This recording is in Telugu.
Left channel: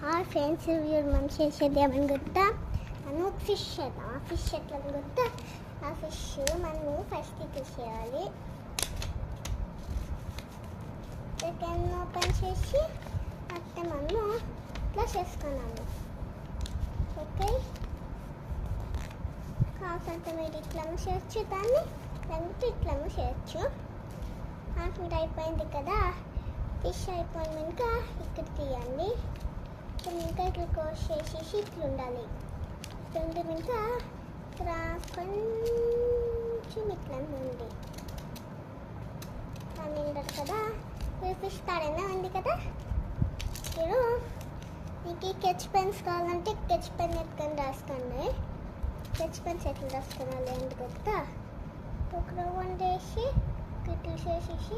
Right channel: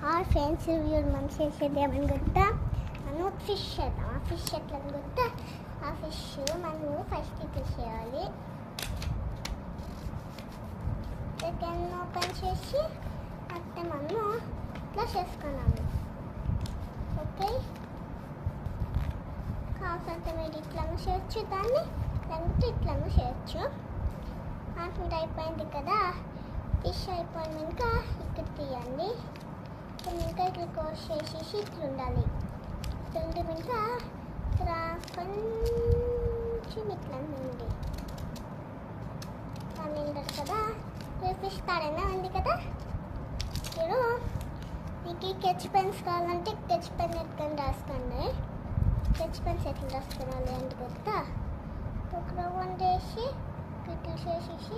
హాయ్ ఫ్రెండ్స్, వీడియో మనం చేసేది ఏమని గుర్తా, మనం ఫిష్ చేద్దాం. ఆ ఫిష్ ఎట్లా గుర్తా, ఆ ఫిష్ మనము ఫస్ట్ ఇక్కడ చేయాలి. చికెన్ ఓపెన్ చేసి అట్టే మనము ఇట్లా చేసుకున్నాము. ఓకే, కాకపోతే మీరు ఇట్లా చేయొచ్చు, దాన్ని లేకపోతే ఇట్లా చేయొచ్చు. నాకు అయిపోయింది కదా, ఫిష్ అయిపోయినాక ఇక్కడ తీయండి. ఇంకా ఇట్లా కోస్ చేసేసి ఇట్లా ఉండాలి. ఇట్లా ఇంకా ఇక్కడ కొంచెం ఇట్లా ఉంది. దాన్ని ఉండదు కదా, మీరు ఫిష్ తాడైనా ఉంది కదా. మీరు మీకు స్కెచ్ పెన్స్ కావాలంటే స్కెచ్ పెన్ ఎత్తుకొని రాసుకోండి. స్కెచ్ పెన్స్ ఎట్లా రాసుకోవాలి అంటే కదా, ఒక రౌండ్ వేసి ఇట్లా చేసేసి